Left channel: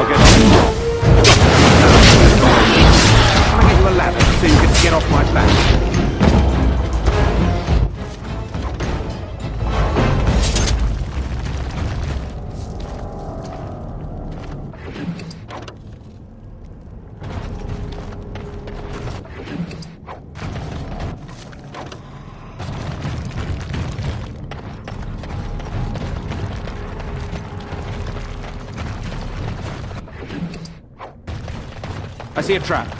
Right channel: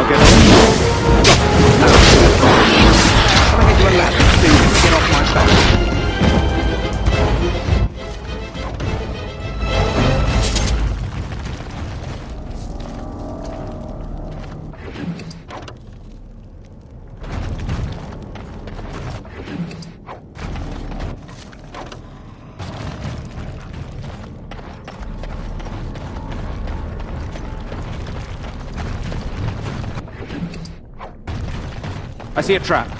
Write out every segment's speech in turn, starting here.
I'll get on. Can I get you a ladder so you can get off my back? I see a trap.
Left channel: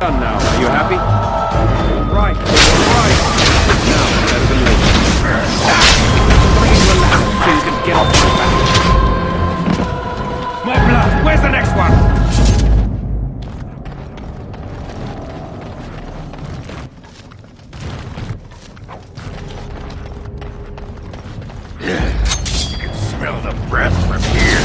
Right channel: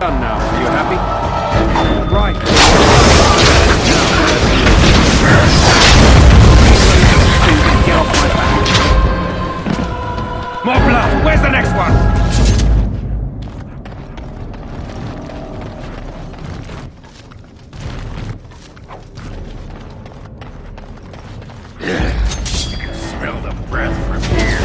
Done now. Are you happy? All right. Now, better than later. So you can get off my back. More blood. Where's the next one? Yeah. You can smell the breath from here.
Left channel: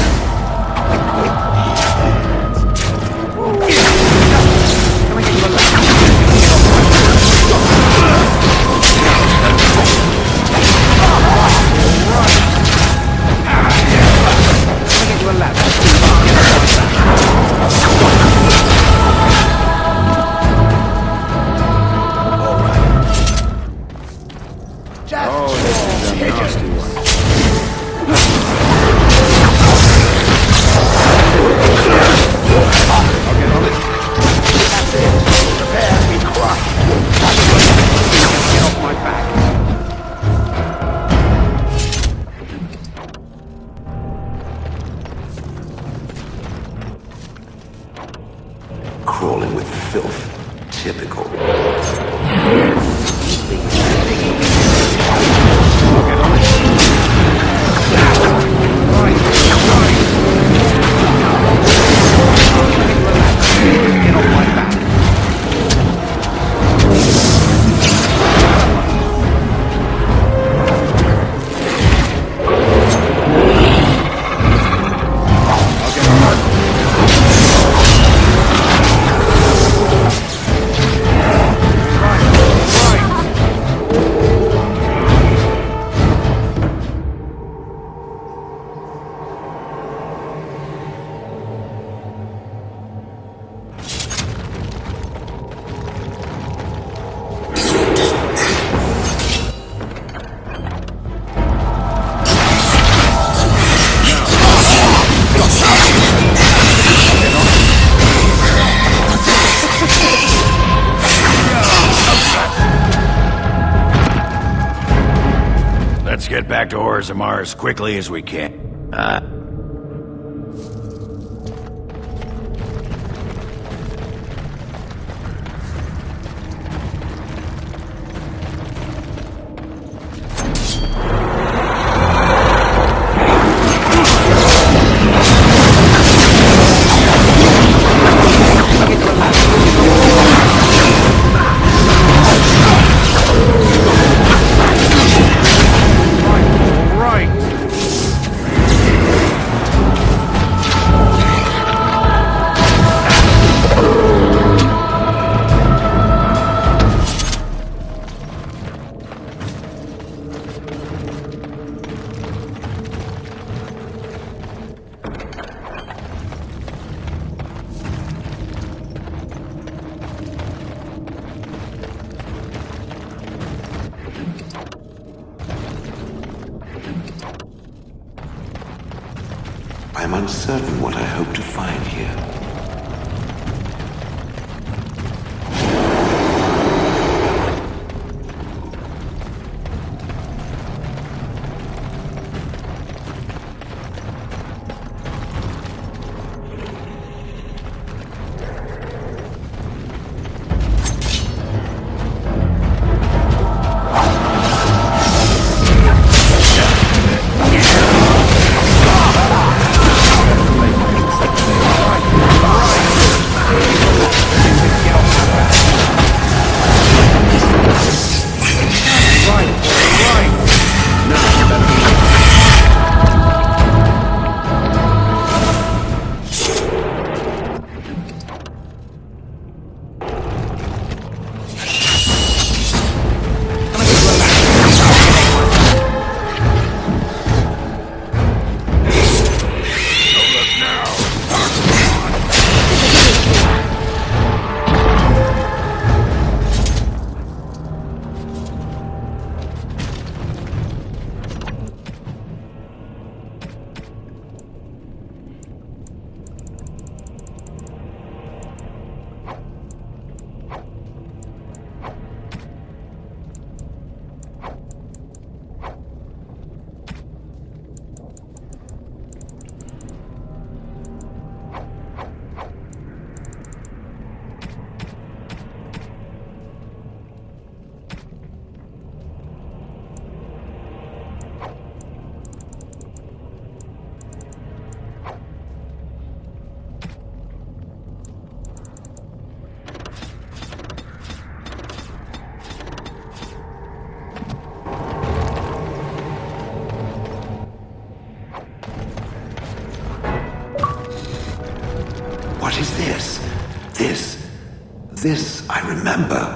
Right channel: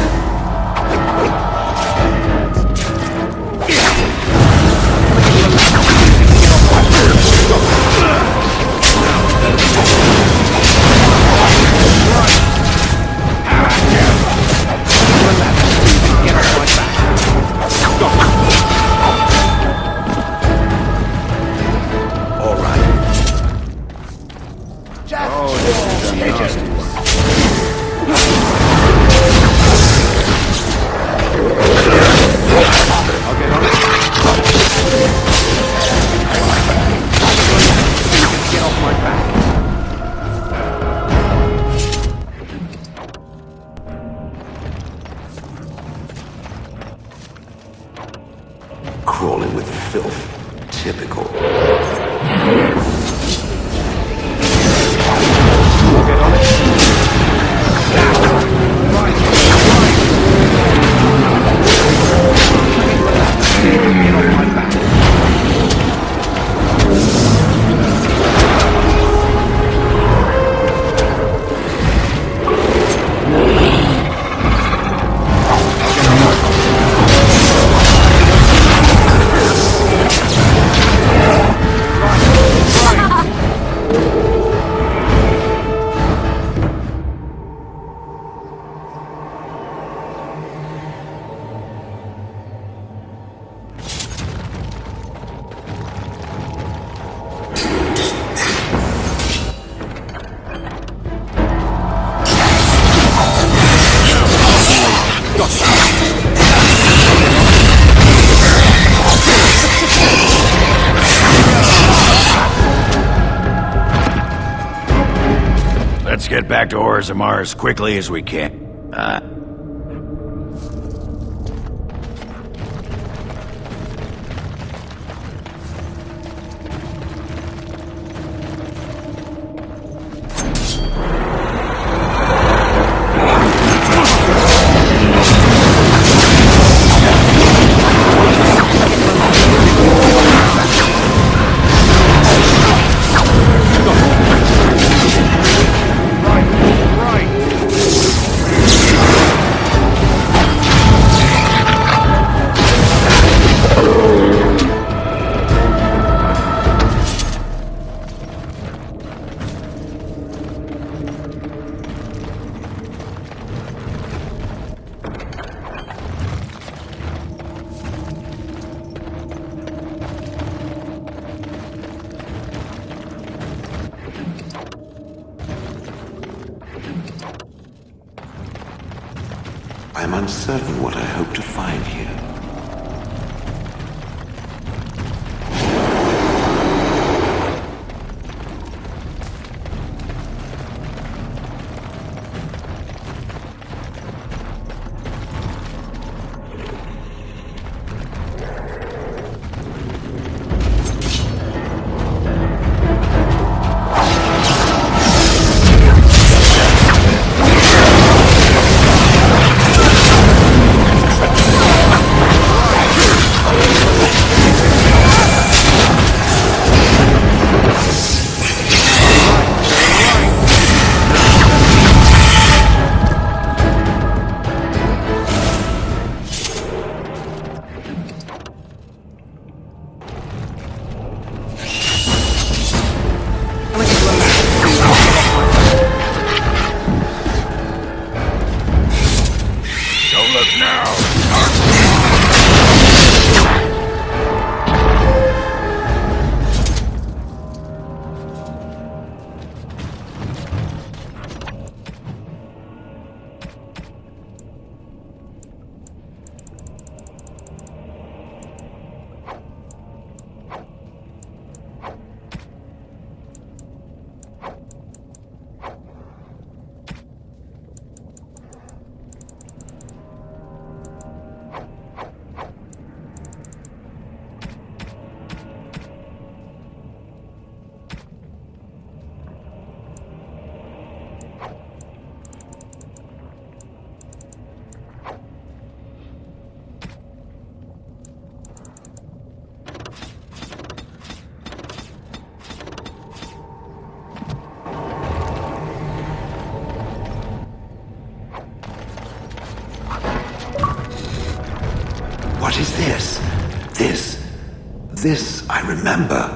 Oh, this is a nasty one. I'll get on it. Get off my back. Crawling with filth. Typical. I'll get on it. All right. Can I get you a ladder? Get off my back. I'll get on it. Let's get back to Orzammar as quickly as we can. I'm uncertain what I hope to find here. What is this? This I remember.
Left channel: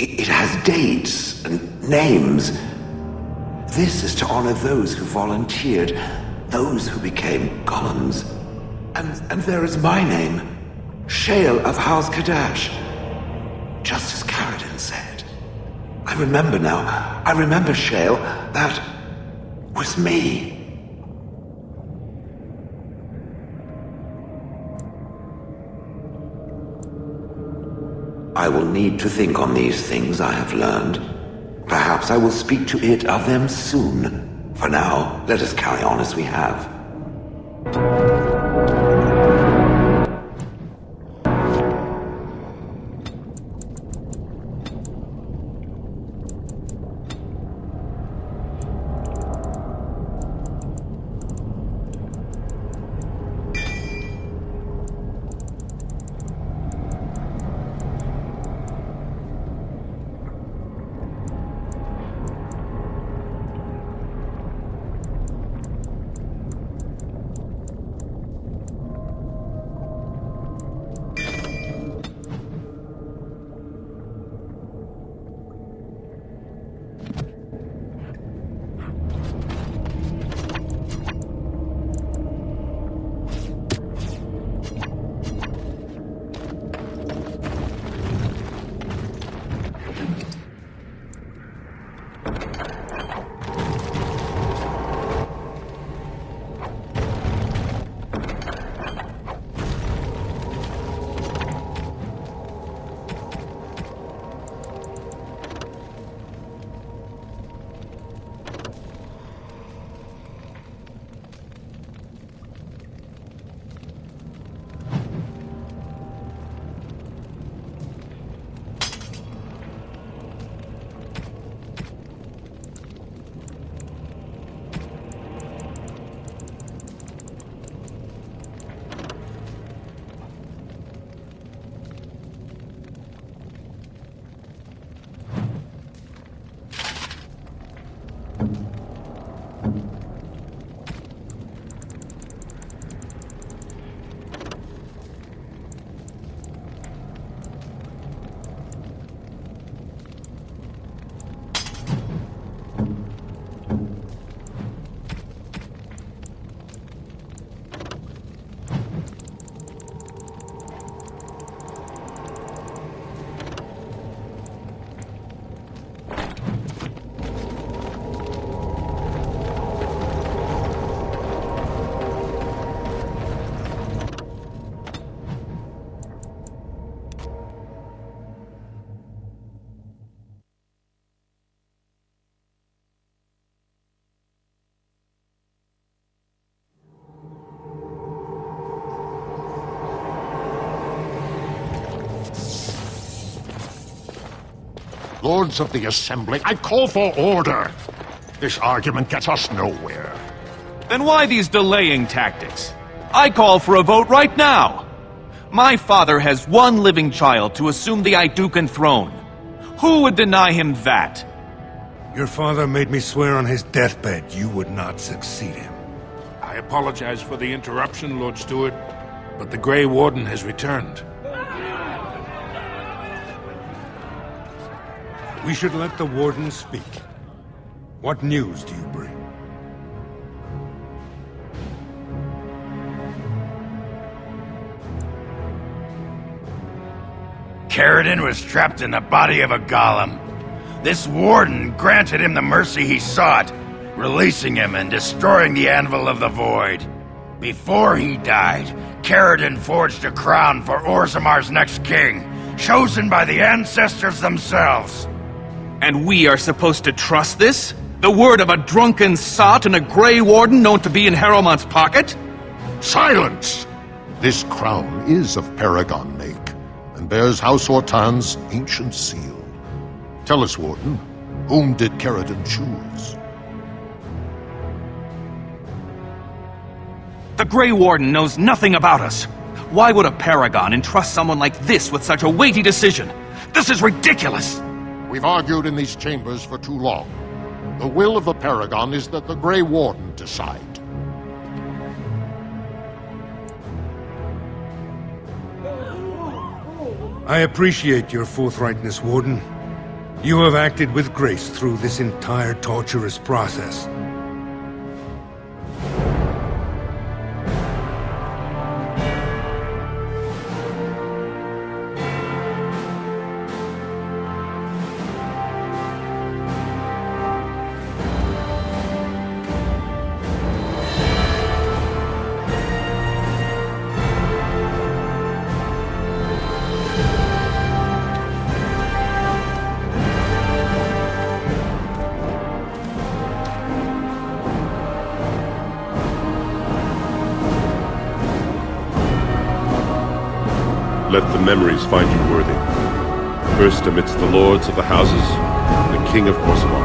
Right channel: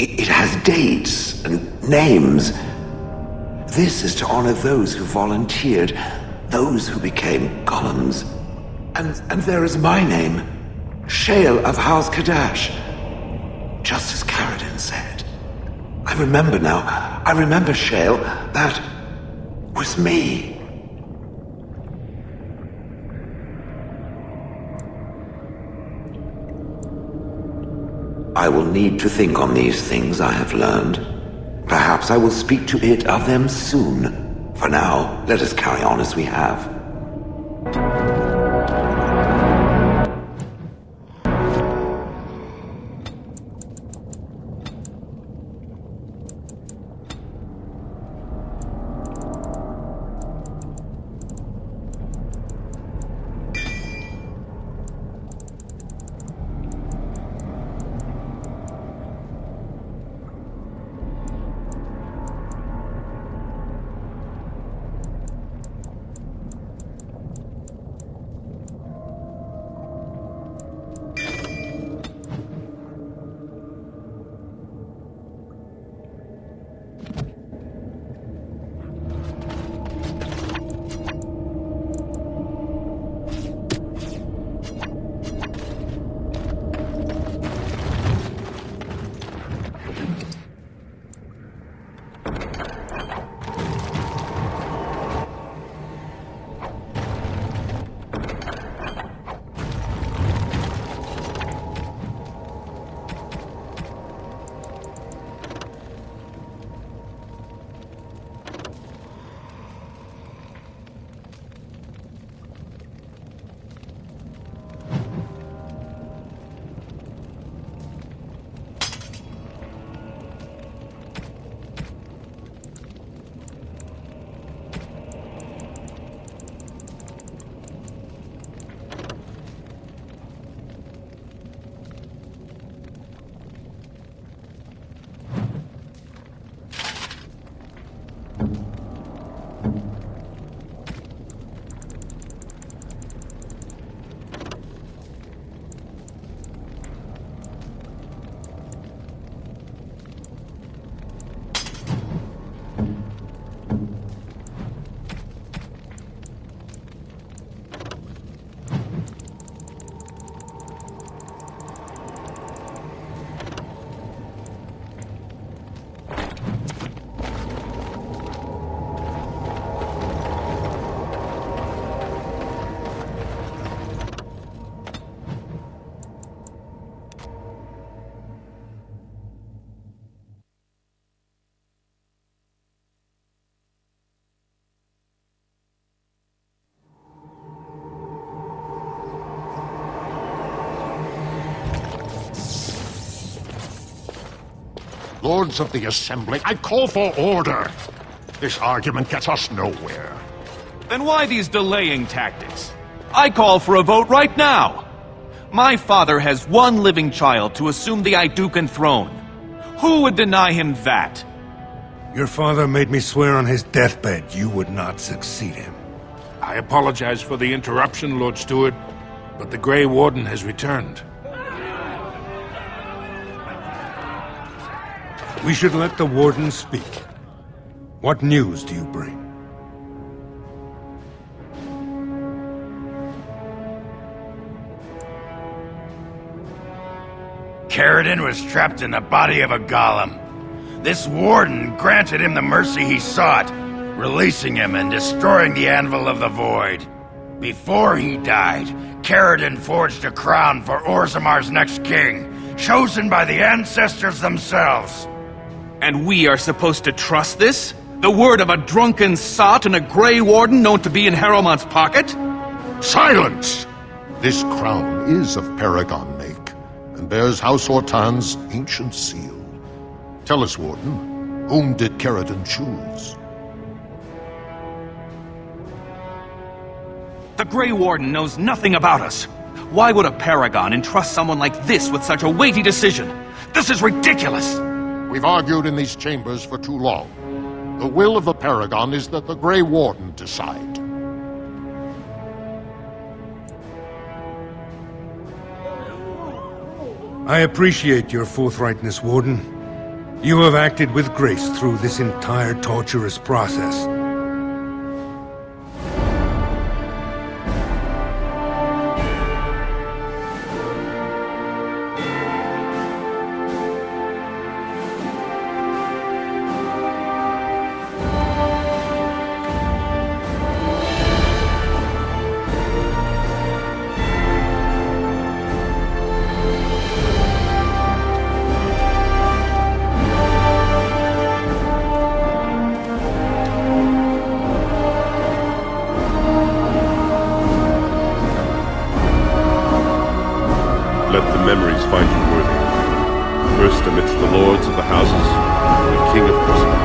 It has dates and names. This is to honor those who volunteered, those who became golems. And there is my name, Shale of House Kadash. Just as Karadin said. I remember now. I remember, Shale. That was me. I will need to think on these things I have learned. Perhaps I will speak to it of them soon. For now, let us carry on as we have. Lords of the Assembly, I call for order. This argument gets us nowhere. Then why these delaying tactics? I call for a vote right now. My father has one living child to assume the Idukan throne. Who would deny him that? Your father made me swear on his deathbed you would not succeed him. I apologize for the interruption, Lord Steward, but the Grey Warden has returned. We should let the Warden speak. What news do you bring? Karadin was trapped in the body of a golem. This warden granted him the mercy he sought, releasing him and destroying the Anvil of the Void. Before he died, Karadin forged a crown for Orzammar's next king, chosen by the ancestors themselves. And we are supposed to trust this? The word of a drunken sot and a Grey Warden known to be in Harrowmont's pocket? Silence! This crown is of Paragon make, and bears House Hortan's ancient seal. Tell us, Warden, whom did Karadin choose? The Grey Warden knows nothing about us. Why would a Paragon entrust someone like this with such a weighty decision? This is ridiculous! We've argued in these chambers for too long. The will of the Paragon is that the Grey Warden decide. I appreciate your forthrightness, Warden. You have acted with grace through this entire torturous process. Let the memories find you worthy. First amidst the lords of the houses, the King of Orzammar.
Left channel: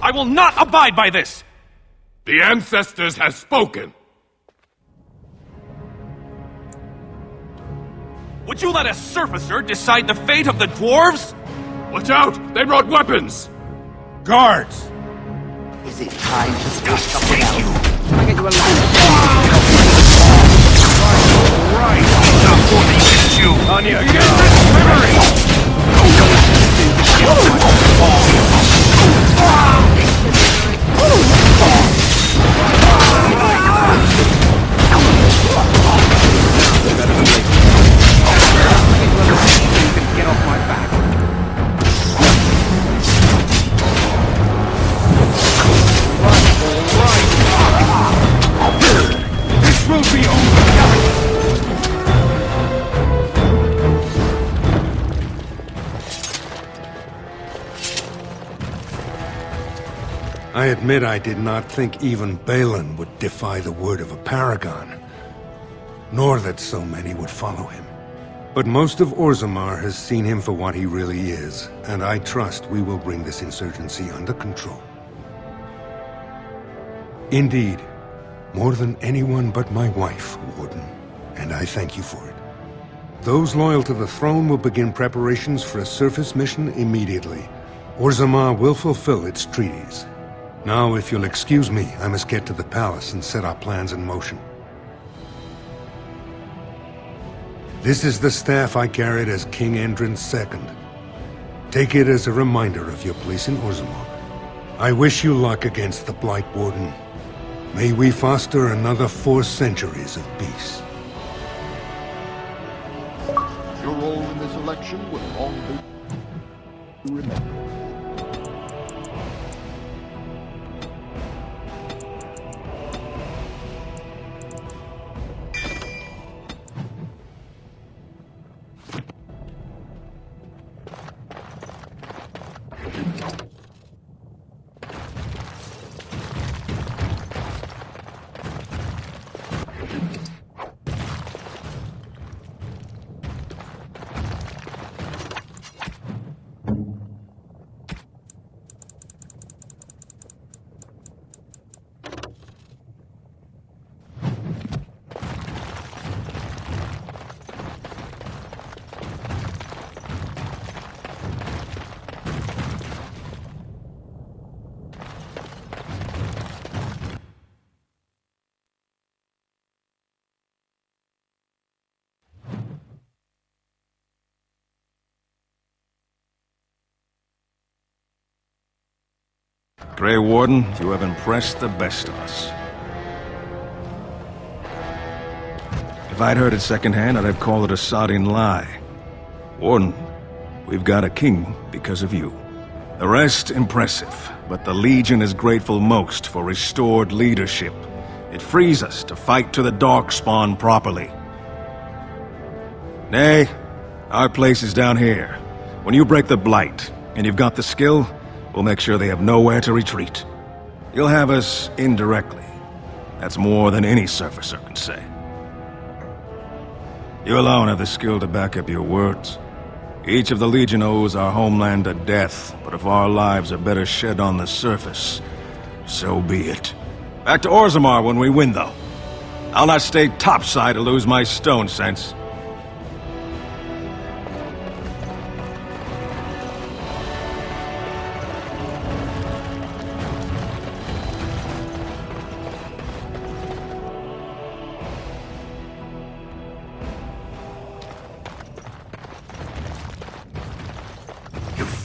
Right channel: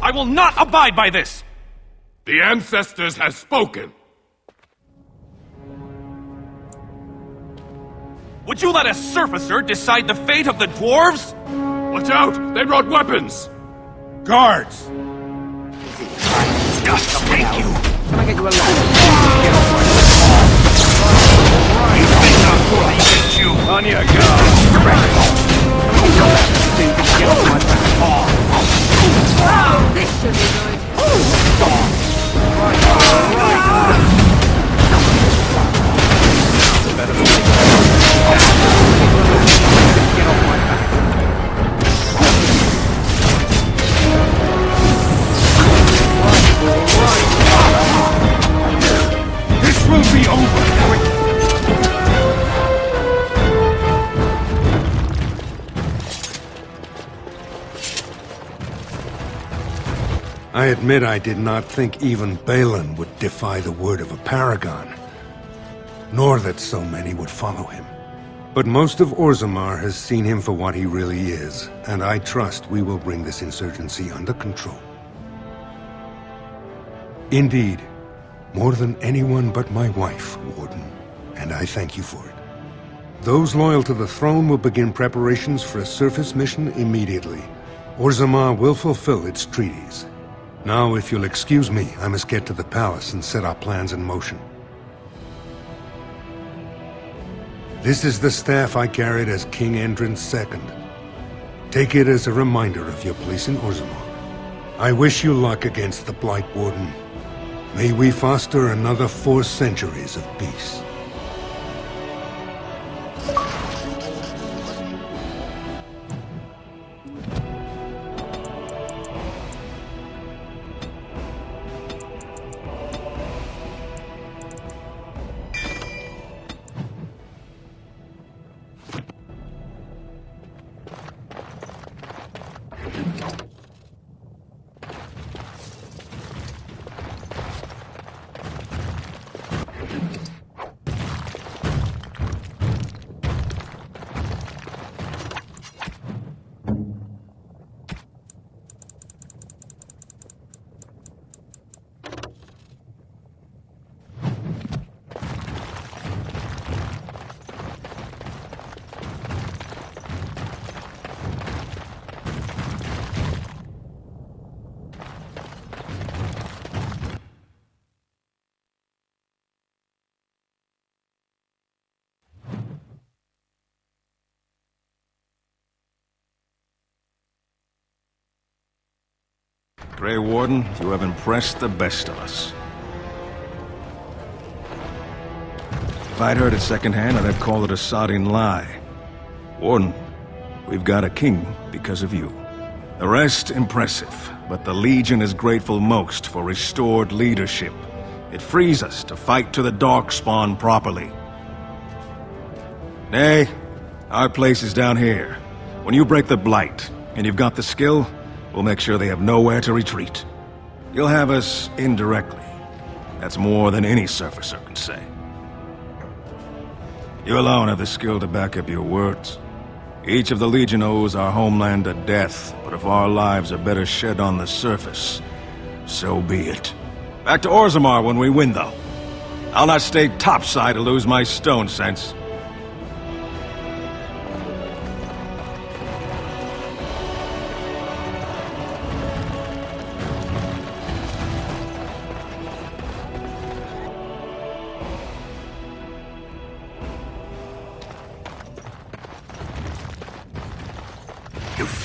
I will not abide by this! The ancestors have spoken. Would you let a surfacer decide the fate of the dwarves? Watch out! They brought weapons! Guards! Just thank you! Can I get you a ladder? Get off my You think I'm more than you can chew! On your guard! Hurry! Can I get you a ladder so you can get off my back? Now, better than later. Can I get you a ladder so you can get off my back? This will be over! I admit I did not think even Balin would defy the word of a paragon, nor that so many would follow him. But most of Orzammar has seen him for what he really is, and I trust we will bring this insurgency under control. Indeed, more than anyone but my wife, Warden, and I thank you for it. Those loyal to the throne will begin preparations for a surface mission immediately. Orzammar will fulfill its treaties. Now, if you'll excuse me, I must get to the palace and set our plans in motion. This is the staff I carried as King Endrin's II. Take it as a reminder of your place in Orzammar. I wish you luck against the Blight Warden. May we foster another 4 centuries of peace. Your role in this election will long be... Grey Warden, you have impressed the best of us. If I'd heard it secondhand, I'd have called it a sodding lie. Warden, we've got a king because of you. The rest, impressive, but the Legion is grateful most for restored leadership. It frees us to fight to the Darkspawn properly. Nay, our place is down here. When you break the Blight, and you've got the skill, we'll make sure they have nowhere to retreat. You'll have us indirectly. That's more than any surfacer can say. You alone have the skill to back up your words. Each of the Legion owes our homeland a death, but if our lives are better shed on the surface, so be it. Back to Orzammar when we win, though. I'll not stay topside to lose my stone sense.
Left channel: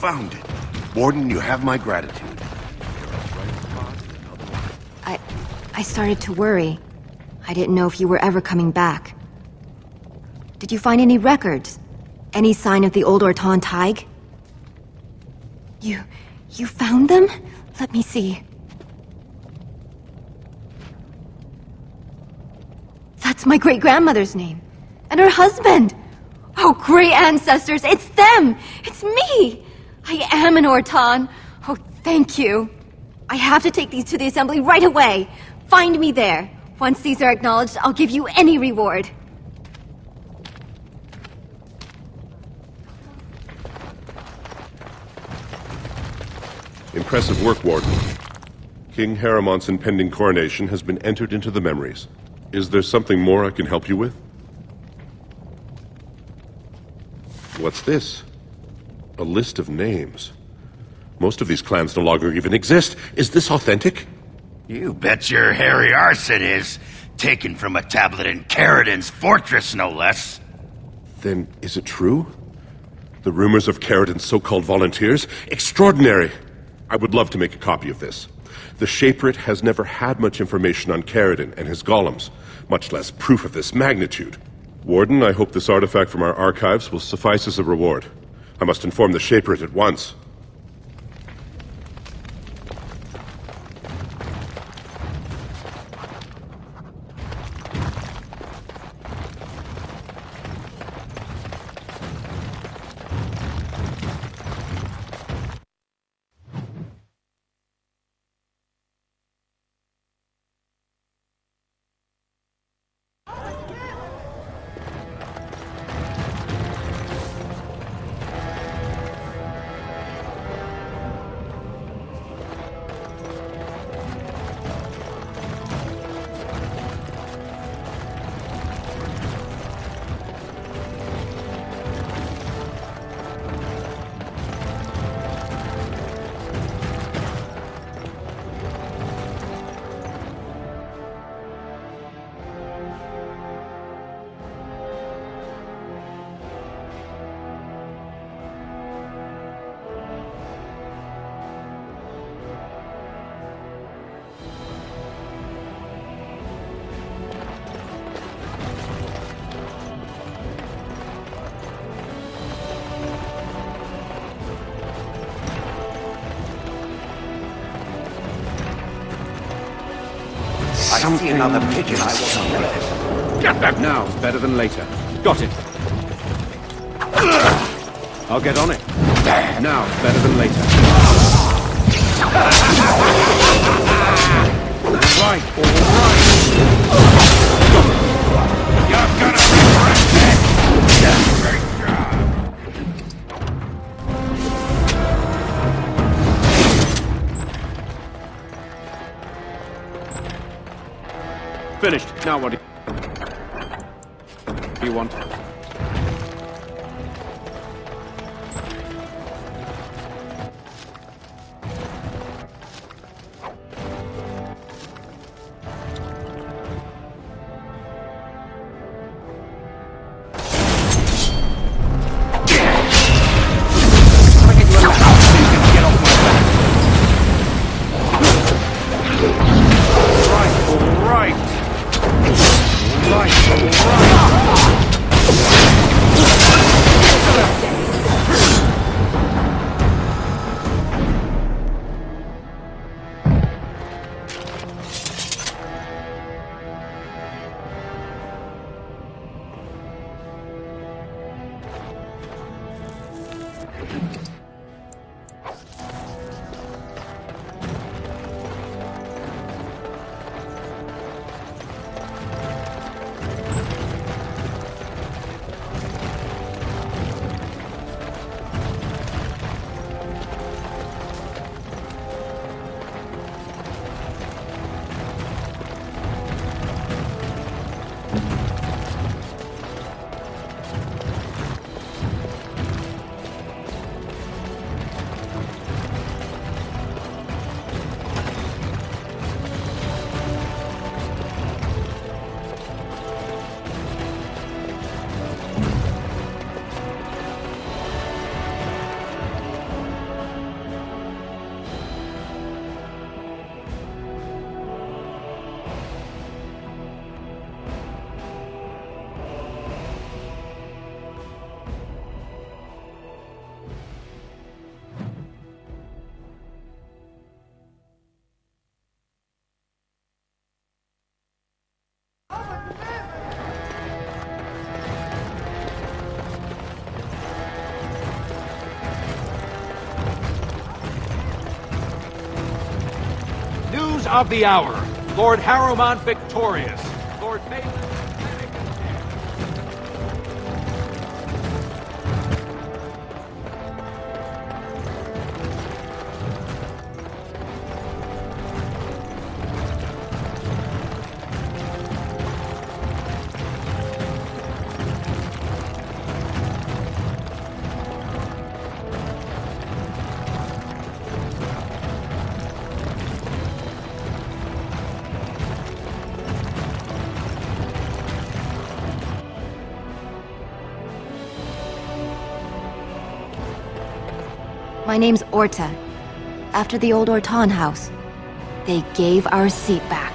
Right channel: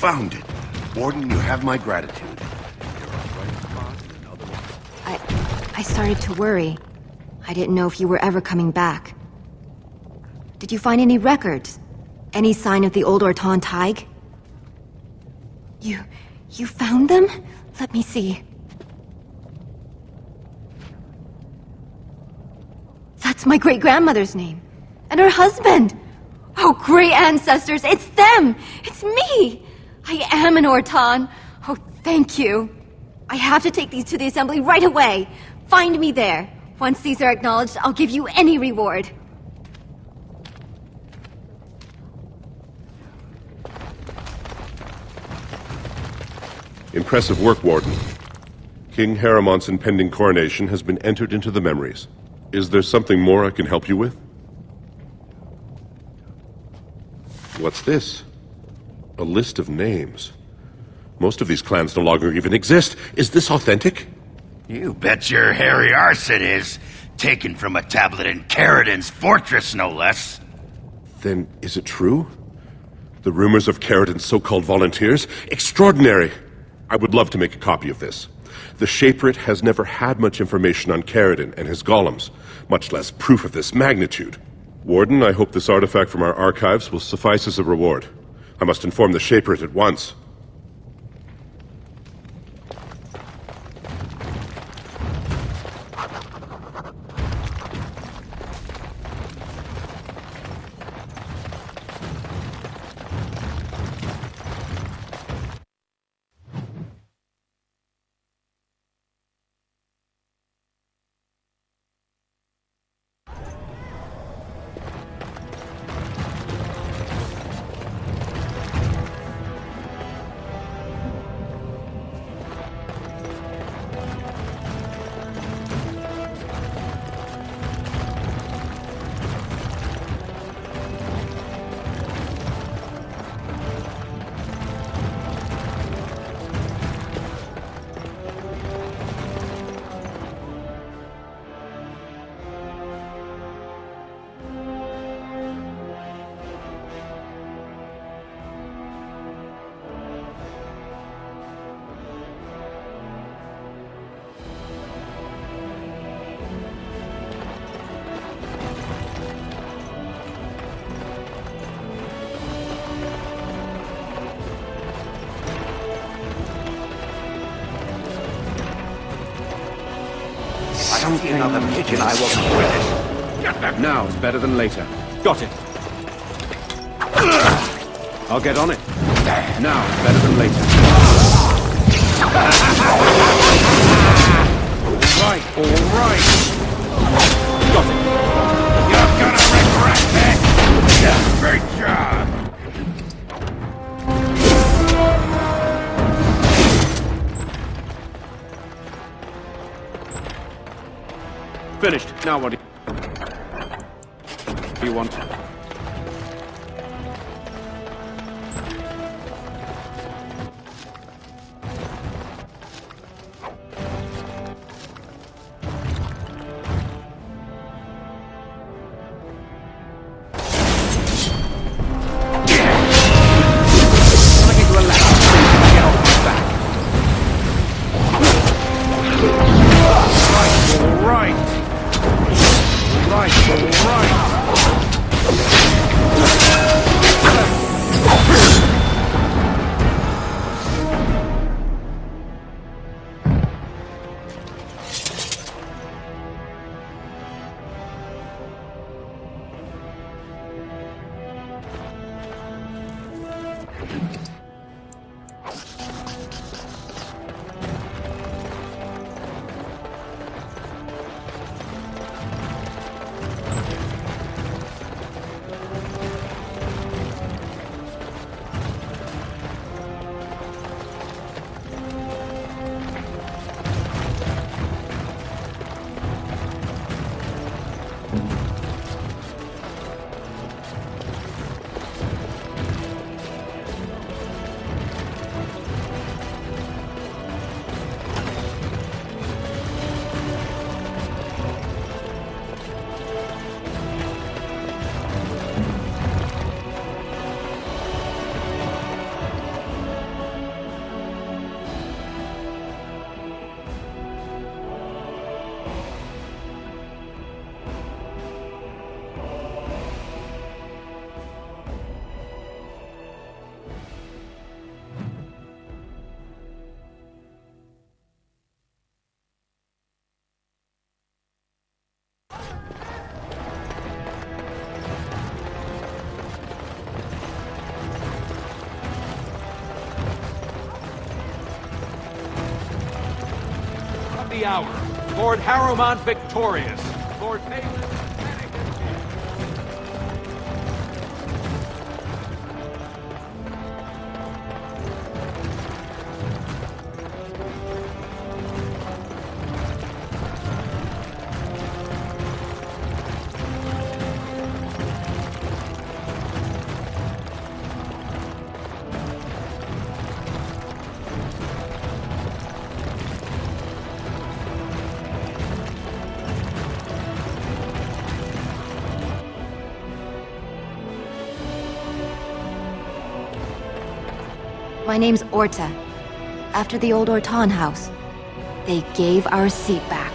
found it. Warden, you have my gratitude. I started to worry. I didn't know if you were ever coming back. Did you find any records? Any sign of the old Ortan Tig? You found them? Let me see. That's my great-grandmother's name. And her husband! Oh, great ancestors, it's them! It's me! I am an Ortan. Oh, thank you. I have to take these to the assembly right away. Find me there. Once these are acknowledged, I'll give you any reward. Impressive work, Warden. King Haramont's impending coronation has been entered into the memories. Is there something more I can help you with? What's this? A list of names. Most of these clans no longer even exist. Is this authentic? You bet your hairy arse it is. Taken from a tablet in Caridin's fortress, no less. Then is it true? The rumors of Caridin's so-called volunteers? Extraordinary! I would love to make a copy of this. The Shaperate has never had much information on Caridin and his golems, much less proof of this magnitude. Warden, I hope this artifact from our archives will suffice as a reward. I must inform the Shaperate at once. I see another pigeon, I will come with it. Get that! Now's better than later. Got it. I'll get on it. Now's better than later. All right, all right. Got it. You're gonna regret it! Great job! Finished. Now what do you want? Can I get you a ladder so you can get off my back? All right. All right, all right. news of the hour. Lord Harrowmont... My name's Orta. After the old Orton house. They gave our seat back.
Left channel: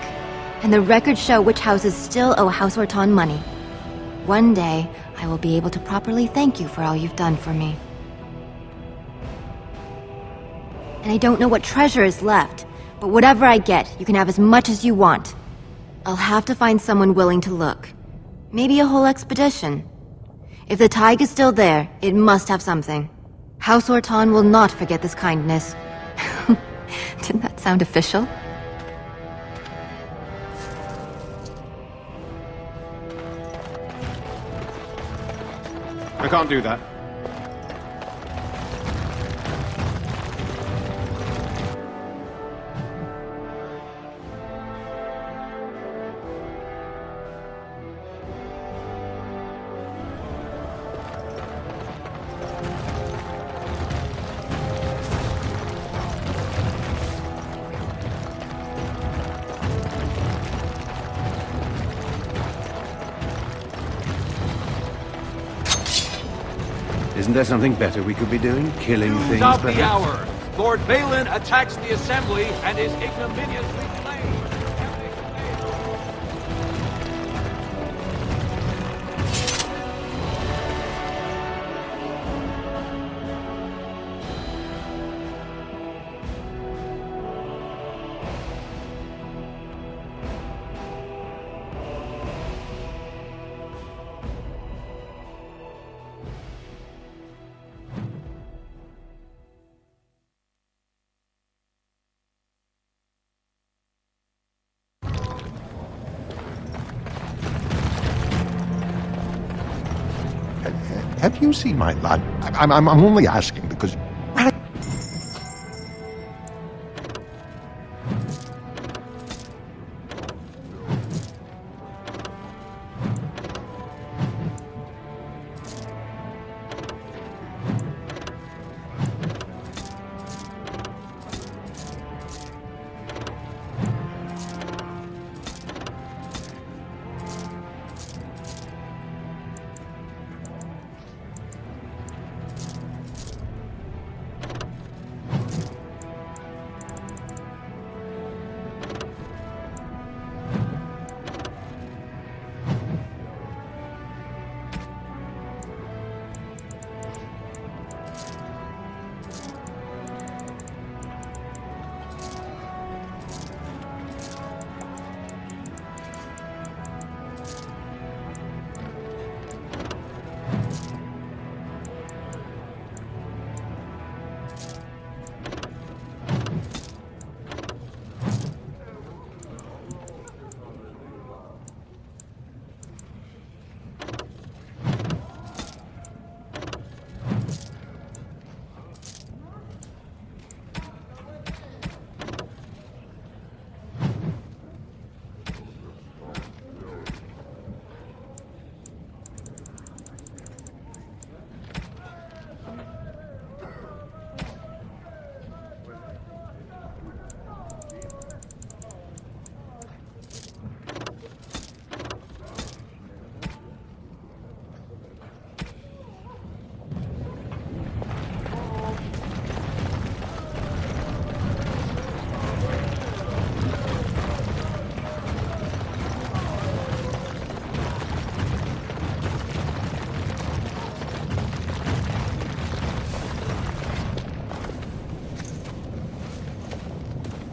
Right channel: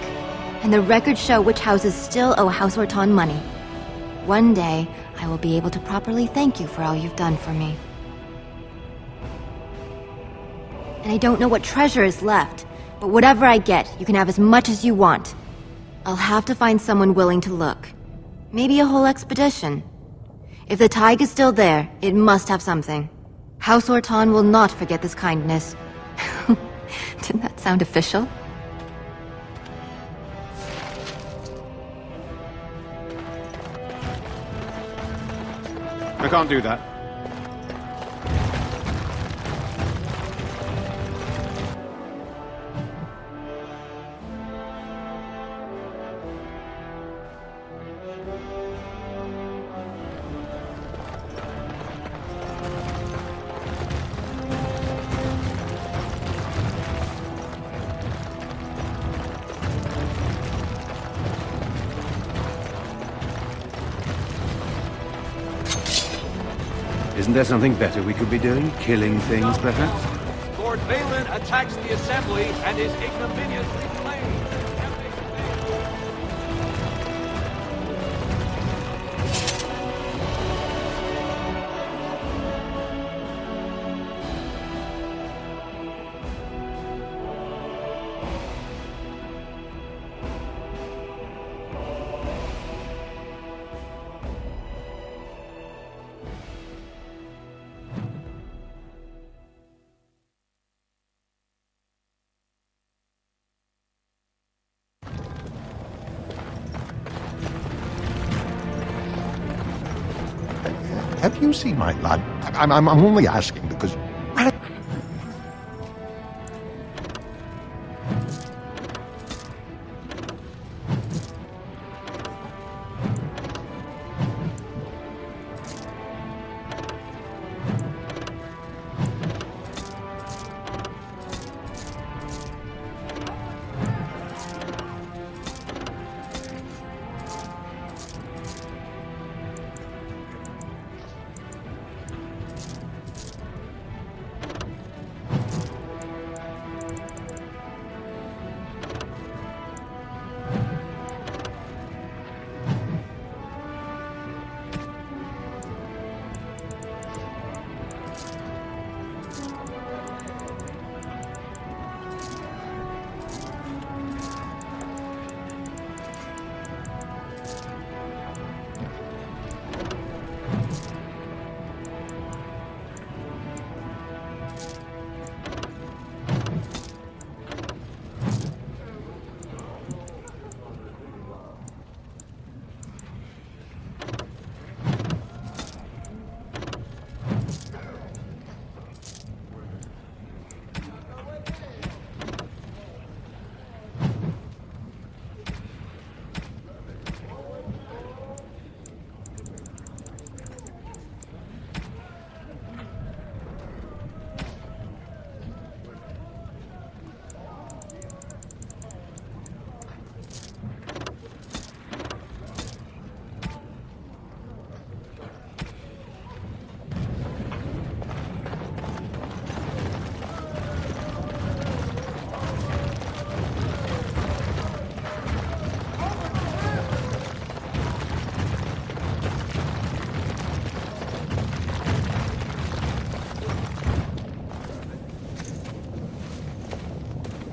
And the records show which houses still owe House Orton money. One day, I will be able to properly thank you for all you've done for me. And I don't know what treasure is left, but whatever I get, you can have as much as you want. I'll have to find someone willing to look. Maybe a whole expedition. If the tide is still there, it must have something. House Orton will not forget this kindness. Didn't that sound official? I can't do that. Isn't there something better we could be doing? Killing things, News of the perhaps? hour. Lord Balin attacks the... Have you seen my lad? I'm only asking because...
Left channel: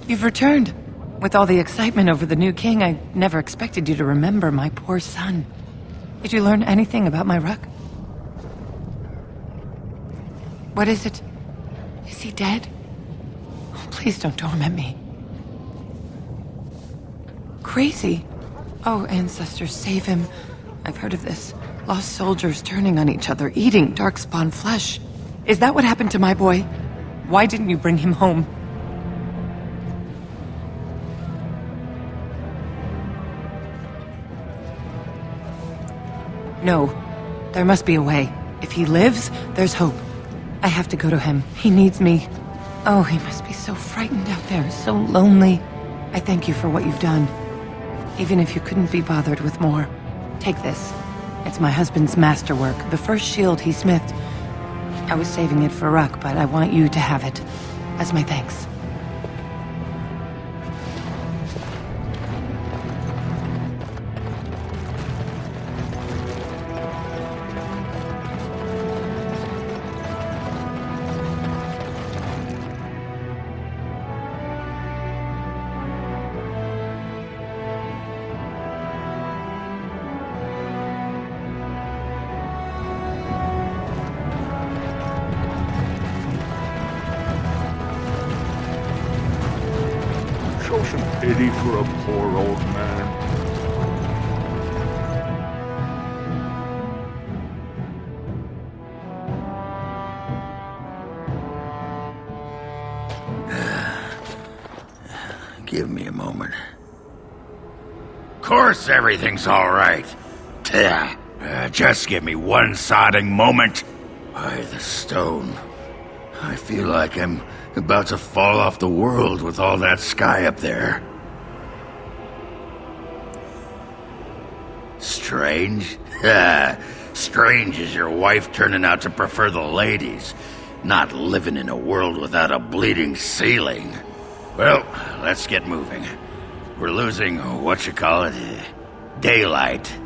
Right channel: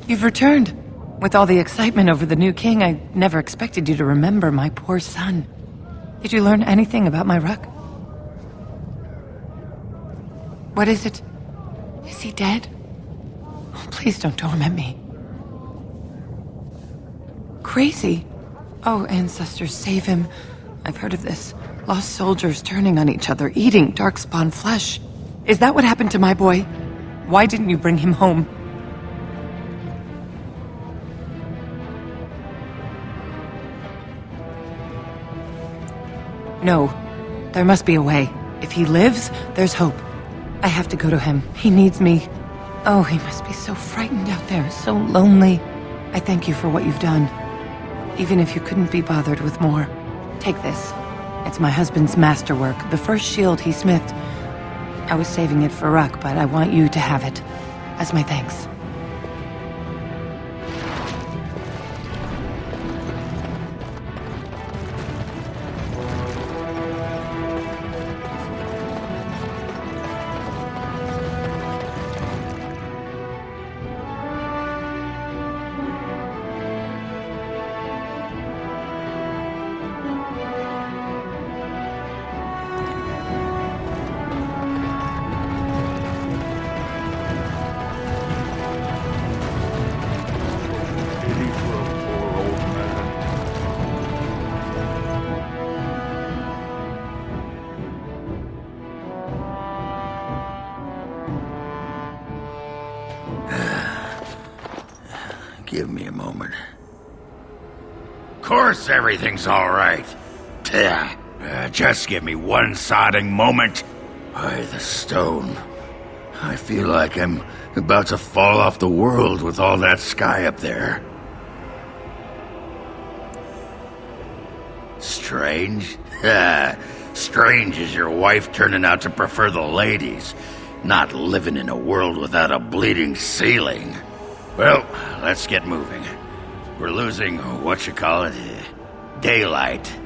You've returned. With all the excitement over the new king, I never expected you to remember my poor son. Did you learn anything about my ruck? What is it? Is he dead? Oh, please don't torment me. crazy. Oh, ancestors, save him. I've heard of this. Lost soldiers turning on each other, eating darkspawn flesh. Is that what happened to my boy? Why didn't you bring him home? No. There must be a way. If he lives, there's hope. I have to go to him. He needs me. Oh, he must be so frightened out there, so lonely. I thank you for what you've done. Even if you couldn't be bothered with more. Take this. It's my husband's masterwork, the first shield he smithed. I was saving it for Ruck, but I want you to have it. As my thanks. Give me a moment. Of course everything's all right. Just give me one sodding moment. By the stone. I feel like I'm about to fall off the world with all that sky up there. Strange? Strange is your wife turning out to prefer the ladies, not living in a world without a bleeding ceiling. Well, let's get moving. We're losing, daylight.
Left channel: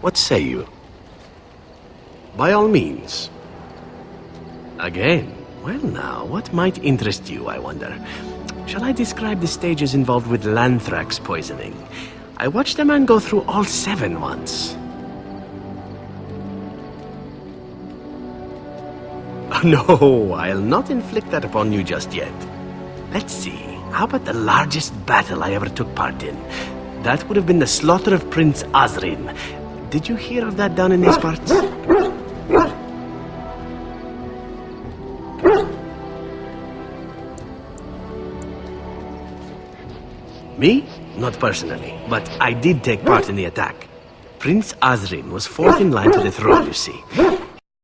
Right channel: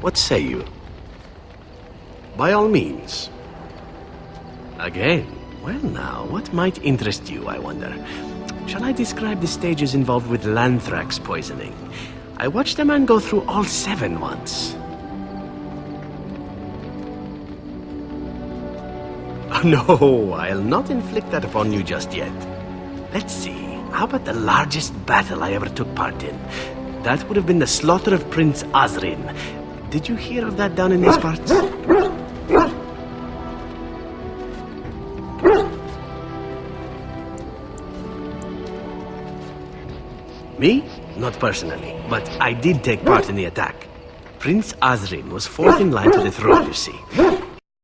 What say you? By all means. Again? Well now, what might interest you, I wonder? Shall I describe the stages involved with Lanthrax poisoning? I watched a man go through all 7 once. Oh, no, I'll not inflict that upon you just yet. Let's see, how about the largest battle I ever took part in? That would have been the slaughter of Prince Osrin. Did you hear of that down in these parts? Me? Not personally, but I did take part in the attack. Prince Osrin was 4th in line to the throne, you see.